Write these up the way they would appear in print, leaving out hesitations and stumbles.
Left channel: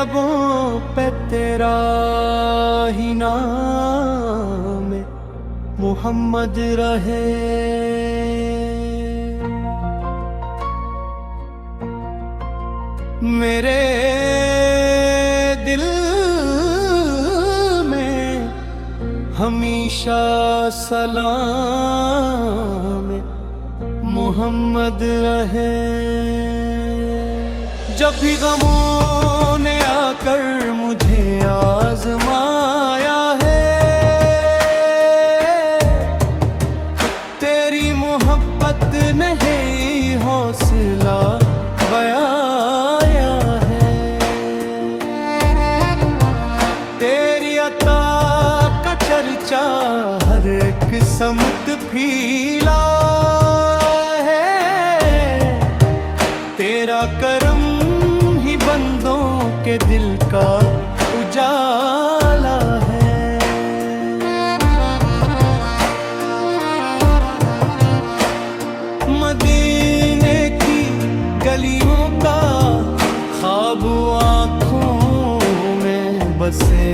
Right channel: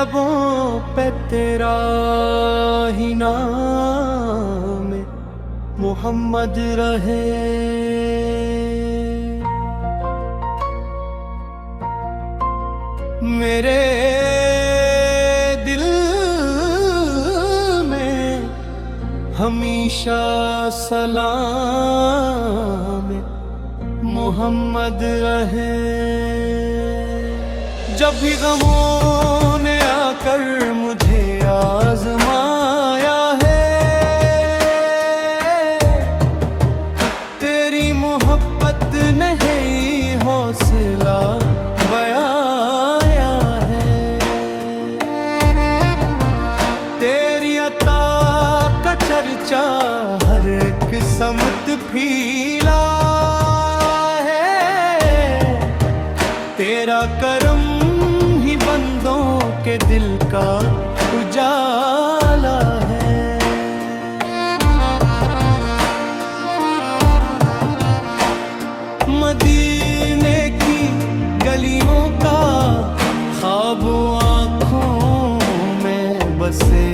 लबों पे तेरा ही नाम मोहम्मद रहे। मेरे दिल में हमेशा सलाम मोहम्मद रहे। जब भी गमों ने आकर मुझे आजमाया है, तेरी मोहब्बत ने ही हौसला बयाया है। तेरी अता का चर्चा हर एक समत फैला है। तेरा करम ही बंदों के दिल का उजाला है। मदीने की गलियों का ख्वाब आँखों में बसे,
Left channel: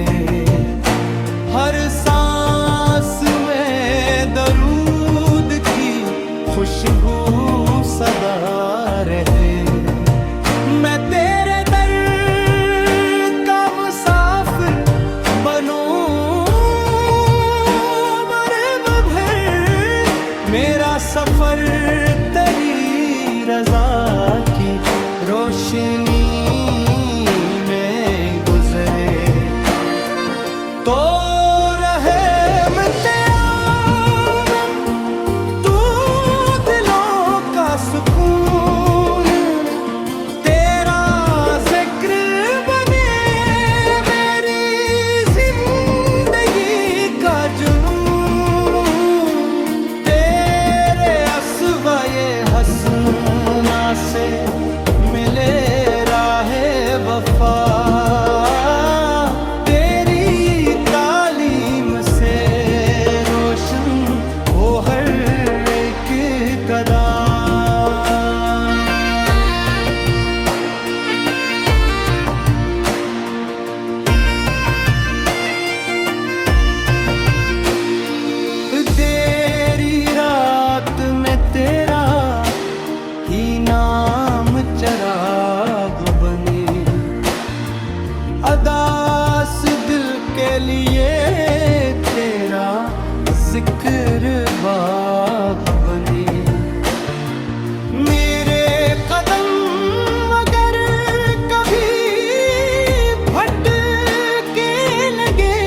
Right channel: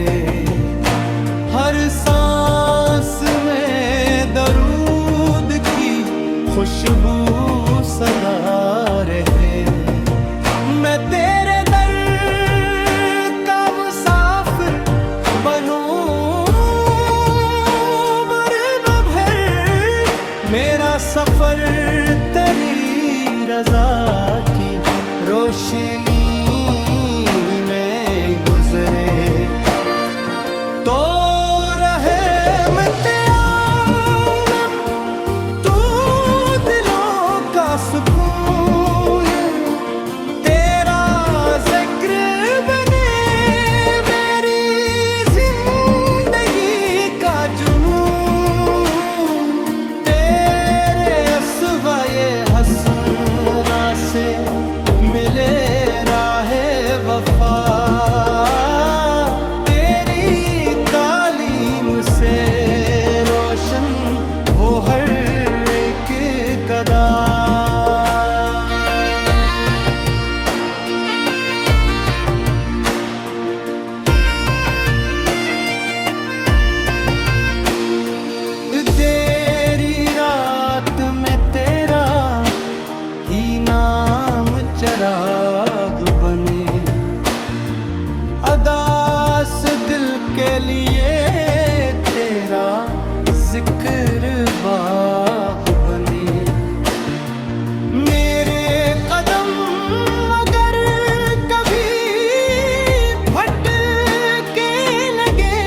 हर सांस में दरूद की खुशबू सदा रहे। मैं तेरे दर का मुसाफिर बनूं बरब भर, मेरा सफर तेरी रज़ा की रोशनी में गुजरे। तो रहे मिटे आलम तू दिलों का सुकून, तेरा जिक्र बने मेरी जिंदगी का जुनून। तेरे अस्वाए हसना से मिले राहे वफा, तेरी तालीम से रोशन हो हर एक कदा। देरी रात में तेरा ही नाम चिराग बने, अदास दिल के लिए तेरा जिक्र बाग बने। मेरे कदम अगर कभी भटके लगे,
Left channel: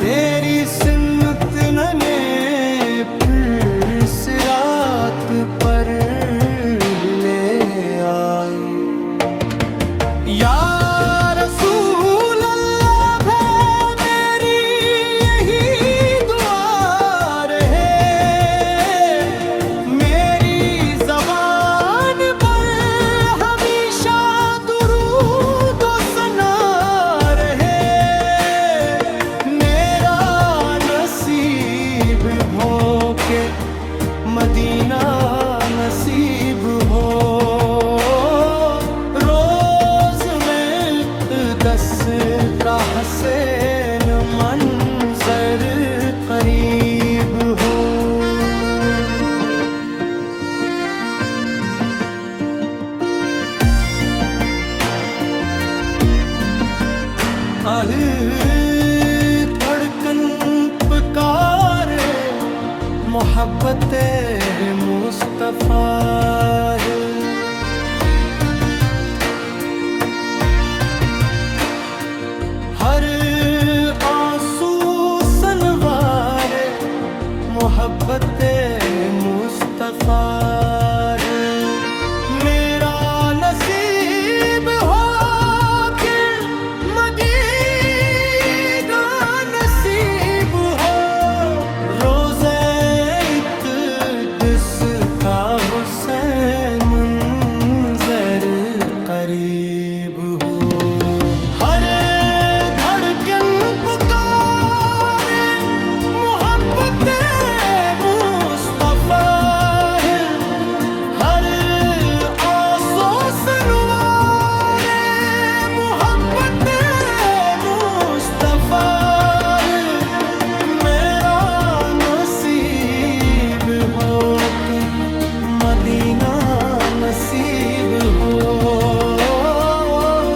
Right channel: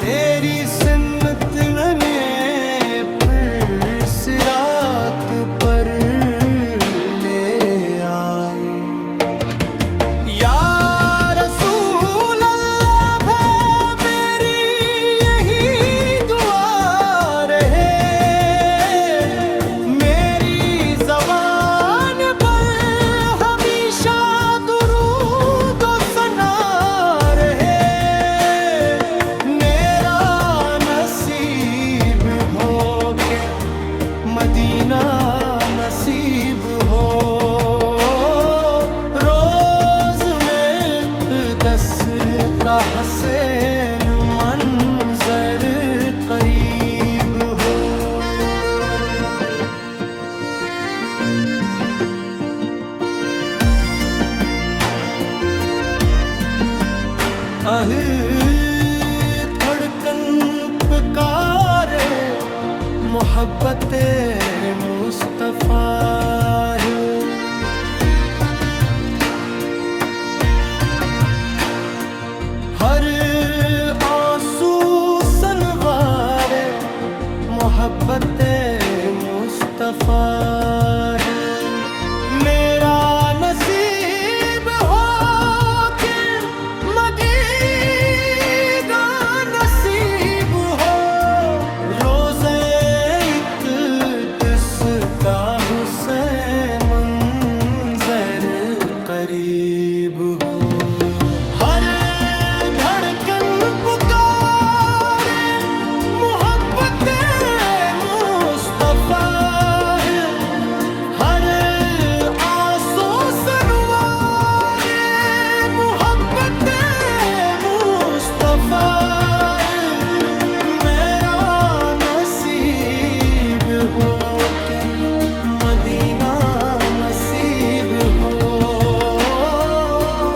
तेरी सुन्नत ने फिर सिरात पर ले आए। या रसूल अल्लाह मेरी यही दुआ रहे, मेरी ज़बान पर हमेशा दुरूद व सना रहे। मेरा नसीब हो के मदीना नसीब हो, रोज में दस का हसीन मंजर करीब हो। आह धड़कन पुकारे मोहब्बते मुस्तफा है। हर आंसू सनवारे मोहब्बते मुस्तफा है। मेरा नसीब हो के मदीना नसीब हो, रोज़े इक़्दिस का हुसैन मंजर करीब हो। हर धड़कन पुकारे मोहब्बते मुस्तफा है, हर आंसू सनवारे मदीना नसीब हो।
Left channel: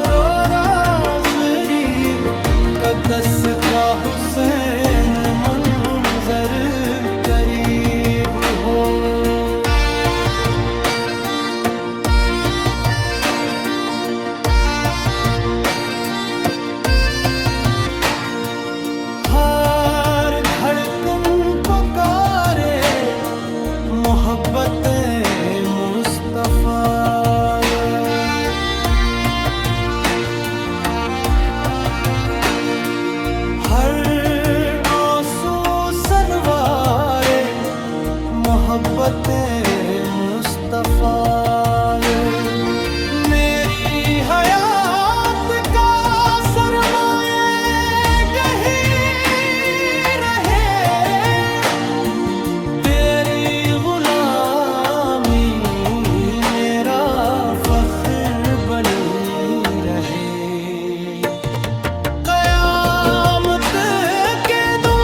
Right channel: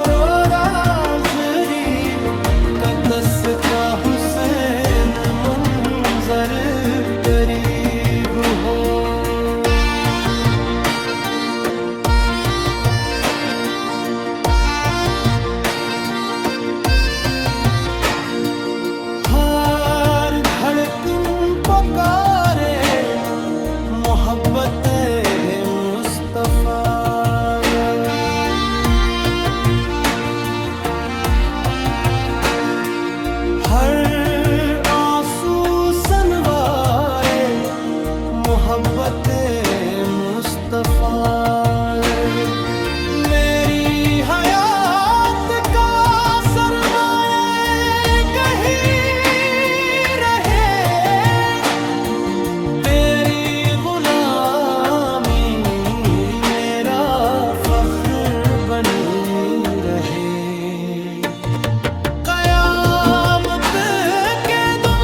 रो राज़री कदस का हुसैन मंजर करीब हो। हर धड़कन पुकारे मोहब्बत मुस्तफा। हर आंसू सनवारे मोहब्बत मुस्तफा। मेरी हयात का सरमाए कहीं रहे, तेरी गुलामी मेरा फख्र बनी रहे। कयामत के दिन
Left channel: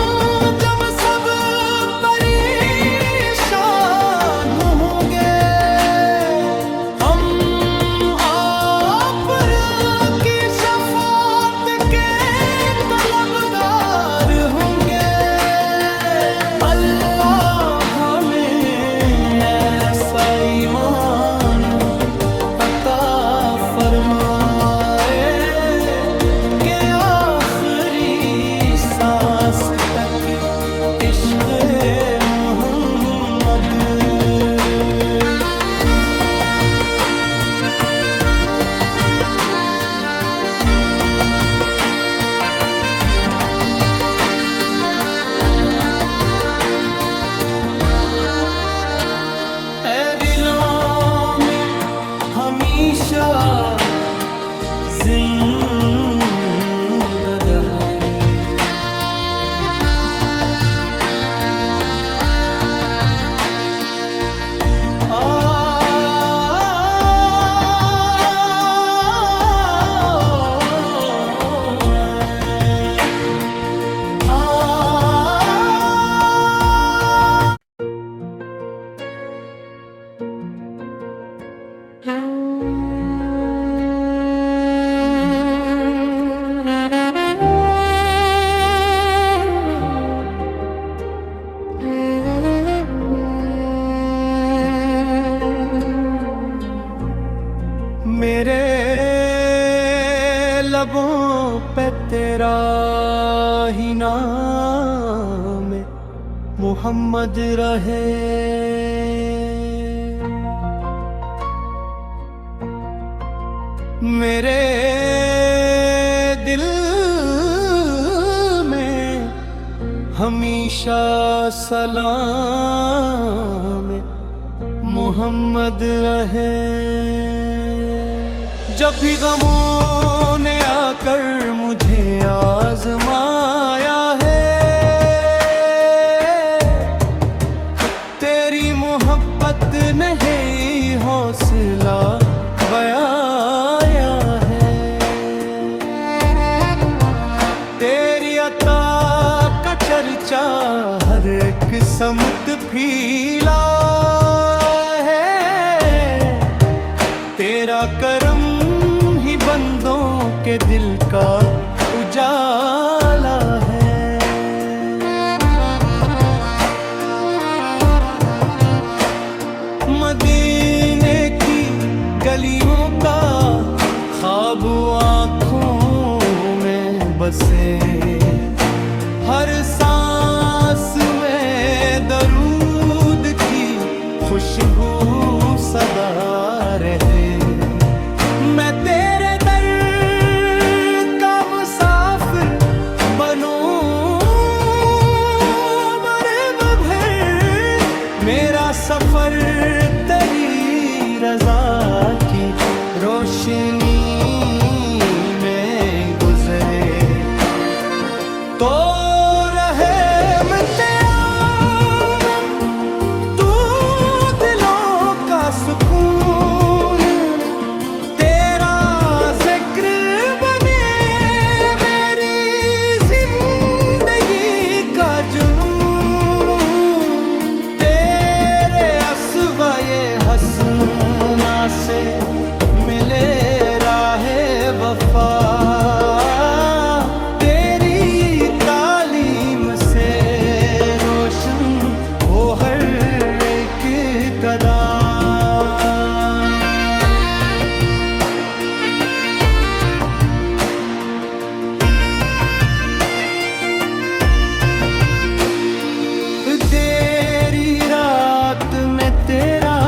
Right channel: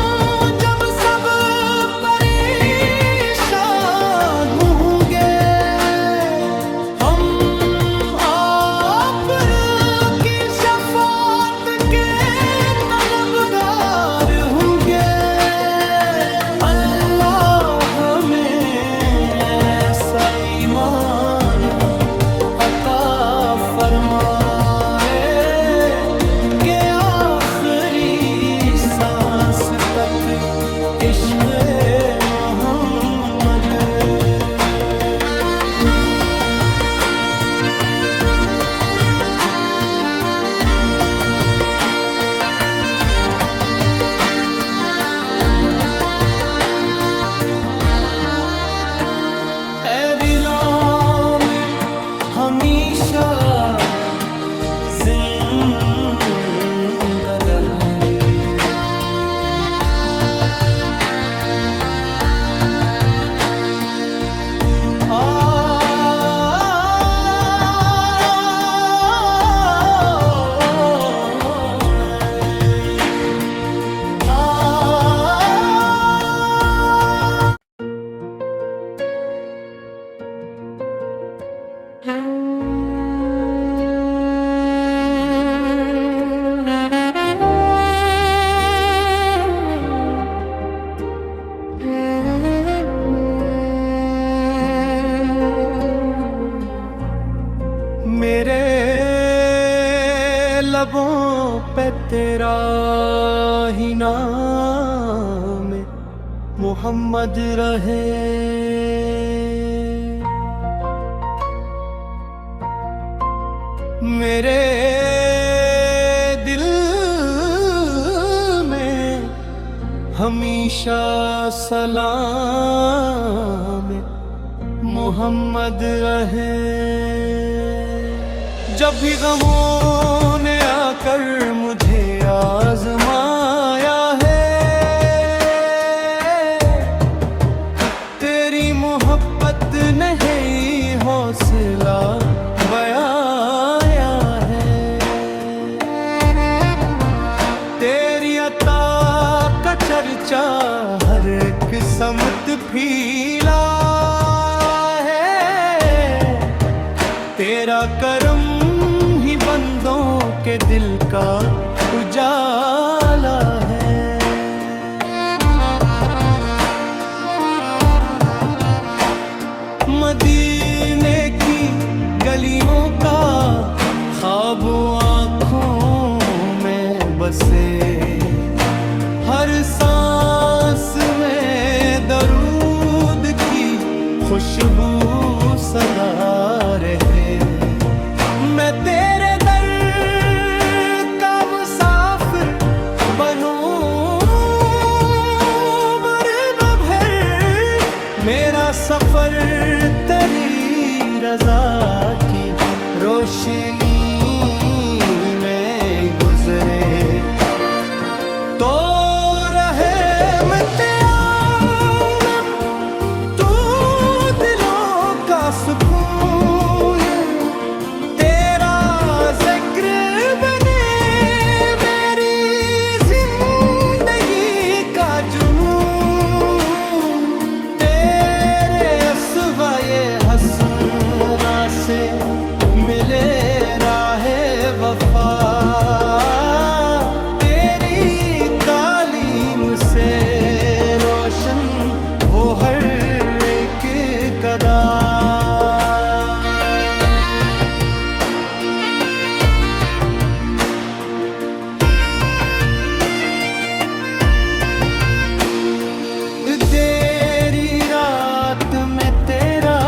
जब सब परेशान होंगे, हम आप की शफाअत के तलबगार होंगे। अल्लाह हमें ऐसा ईमान अता फरमाए कि आखिरी सांस तक इश्क़ मोहम्मद। ऐ दिलों में हमेशा जिंदा रहे। मेरे लबों पे तेरा ही नाम मोहम्मद रहे। मेरे दिल में हमेशा सलाम मोहम्मद रहे। जब भी गमों ने आकर मुझे आजमाया है, तेरी मोहब्बत ने ही हौसला बयाया है। तेरी अता का चर्चा हर एक समत फैला है। तेरा करम ही बंदों के दिल का उजाला है। मदीने की गलियों का ख्वाब आँखों में बसे, हर सांस में दरूद की खुशबू सदा रहे। मैं तेरे दर का मुसाफिर बनूं बरब भर, मेरा सफर तेरी रजा की रोशनी में गुजरे। तो रहे मित्याम तू दिलों का सुकून, तेरा जिक्र बने मेरी जिंदगी का जुनून। तेरे अस्वा ये वो हर एक गदा। देरी रात में तेरा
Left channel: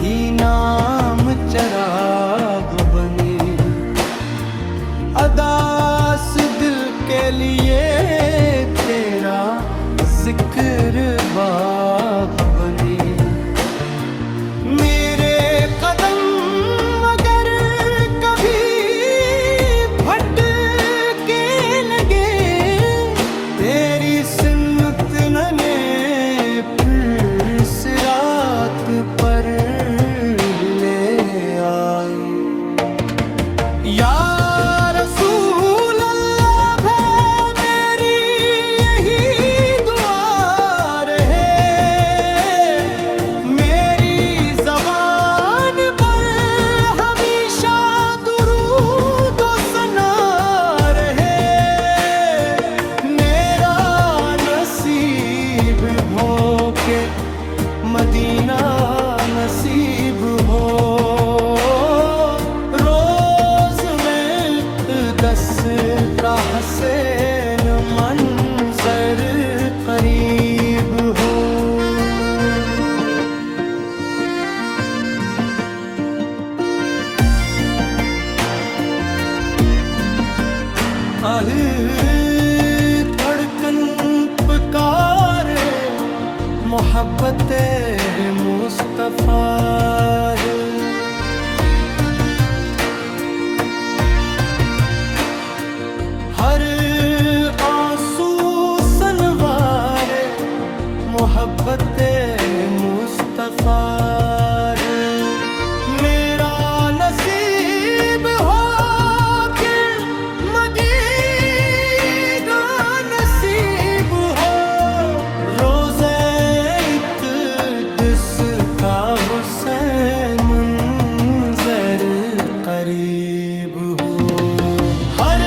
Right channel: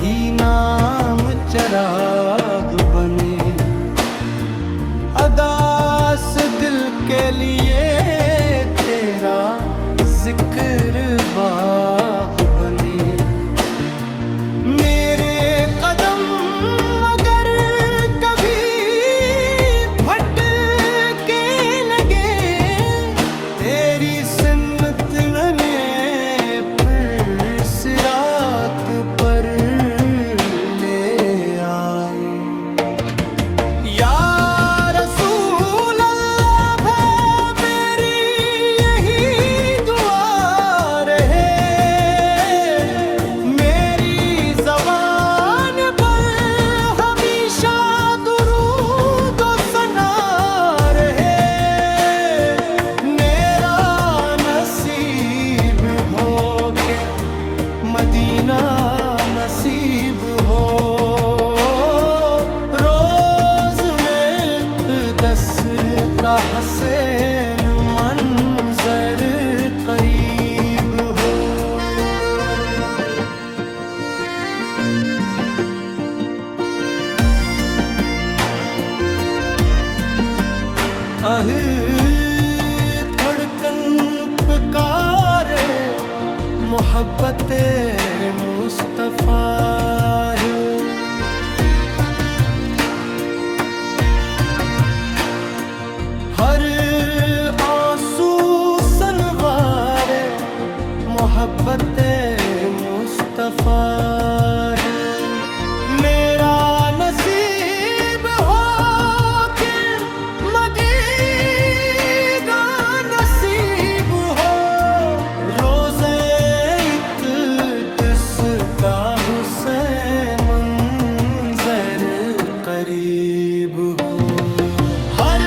ही नाम चराग बने, अदास दिल के लिए तेरा जिक्र बाग बने। मेरे कदम अगर कभी भटके लगे, तेरी सुन्नत नने फिर सिरात पर ले आए। या रसूल अल्लाह है मेरी यही दुआ रहे, मेरी ज़बान पर हमेशा दुरूद व सना रहे। मेरा नसीब हो के मदीना नसीब हो, रोज में 10 का हसैन मंजर करीब हो। आह धड़कन पुकारे मोहब्बत मुस्तफा है। हर आंसू सनवारे मोहब्बत मुस्तफा है। मेरा नसीब हो कि मदीना नसीब हो, रोज़े इक़्दिस का हुसैन मंजर करीब हो। हर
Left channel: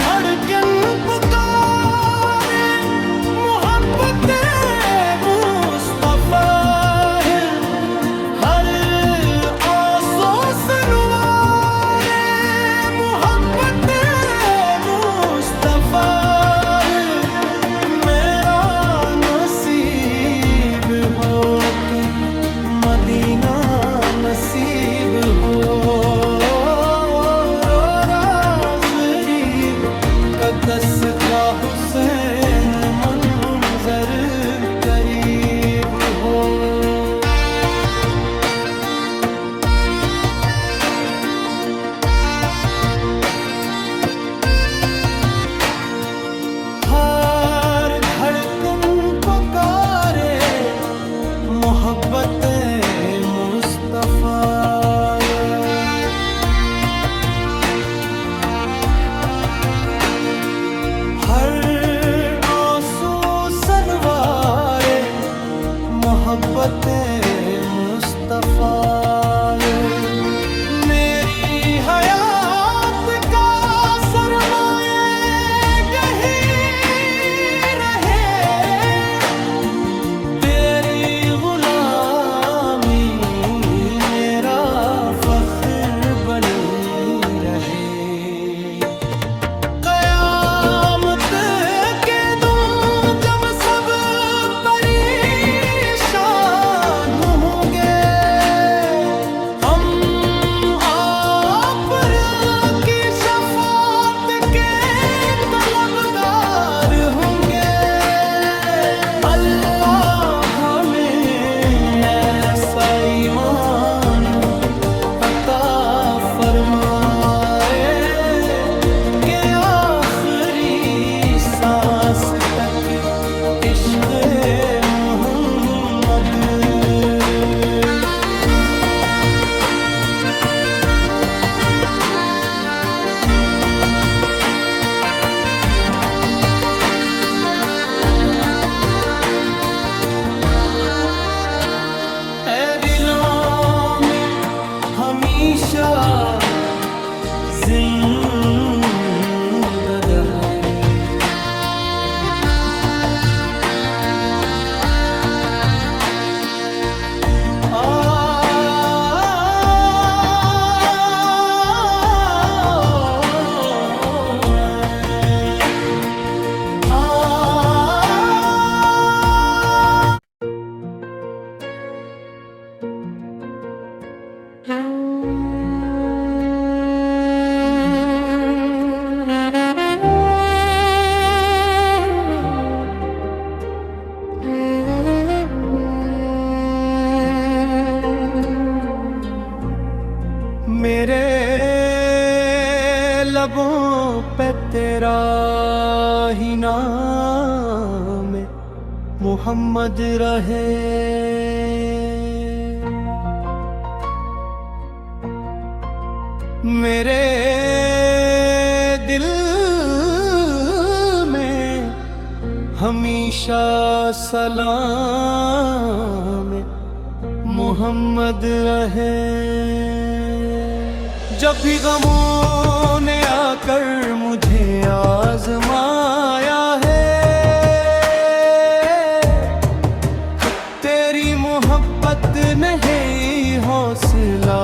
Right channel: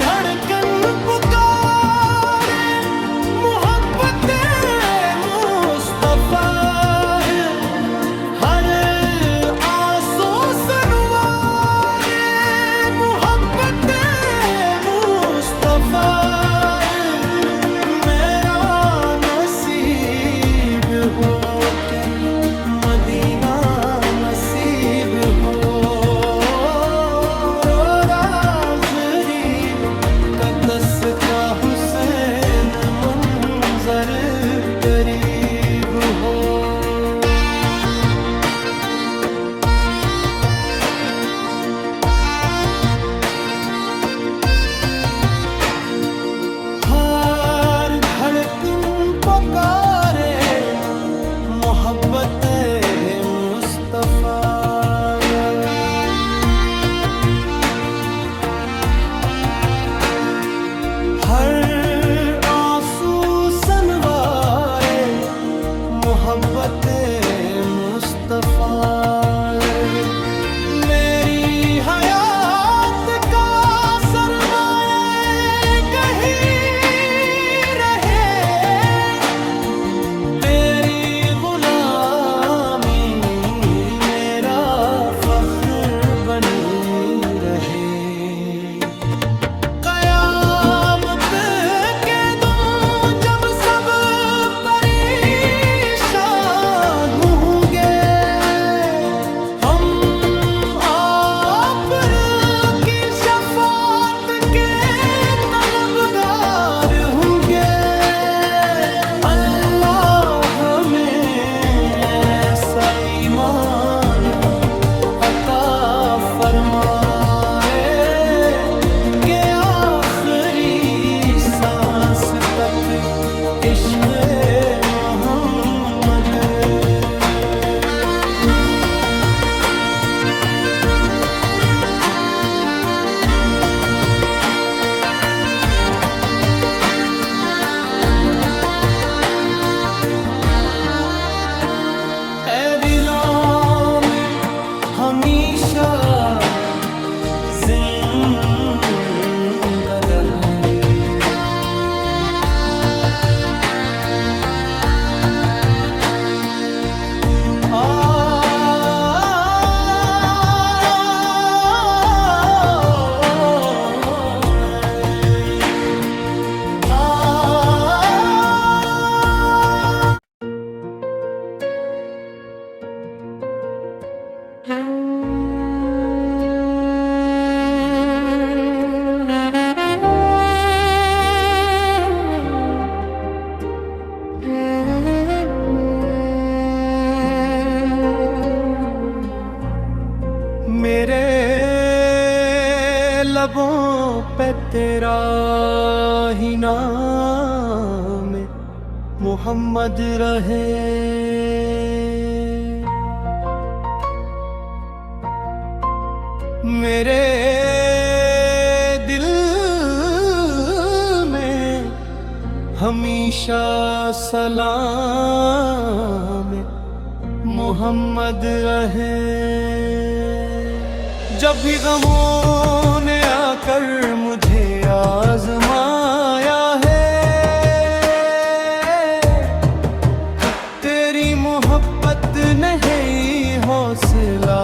धड़कन पुकारे मोहब्बत मुस्तफा है, हर आंसू सनवारे मोहब्बत मुस्तफा है। मेरा नसीब हो के मदीना नसीब हो, रो राज़री कदस का हुसैन मंजर करीब हो। हर धड़कन पुकारे मोहब्बत मुस्तफा। हर आंसू सनवारे मोहब्बत मुस्तफा। मेरी हयात का सरमाए कहीं रहे, तेरी गुलामी मेरा फख्र बनी रहे। क़यामत के दिन जब सब परेशान होंगे, हम आप की शफ़ाअत के तलबगार होंगे। अल्लाह हमें ऐसा ईमान अता फरमाए कि आखिरी सांस तक इश्क़ मोहम्मद। ऐ दिलों में हमेशा जिंदा रहे। मेरे लबों पे तेरा ही नाम है, मोहम्मद रहे। मेरे दिल में हमेशा सलाम है, मोहम्मद रहे। जब भी गमों ने आकर मुझे आजमाया है, तेरी मोहब्बत ने ही हौसला